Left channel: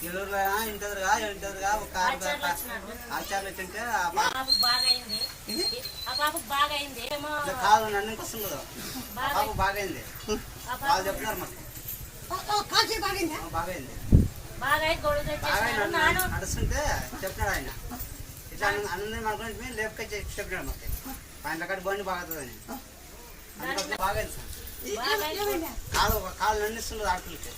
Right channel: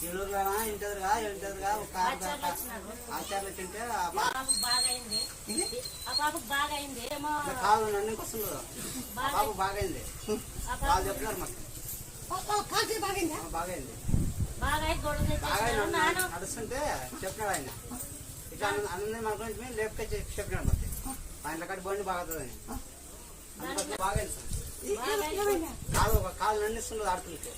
ఎల్లూరులో ఇంటదిగా ఒక ఆచార్లు వచ్చింటే కాదు నన్ను వస్తుంది బాబు బాగైంది వాళ్ళు చెప్తున్నారు మాకు నడుస్తుంటే చెప్పినాడు ఆయన ఇట్లా అన్నది మన గురించి మేము లేపుకొని చెప్పినాడు మాకు ఆయన కట్టి బండి బాగుతుందని అందుకోసం బాగైంది సార్ కాదు నన్ను ఇస్తున్నది ఆడపిల్లకి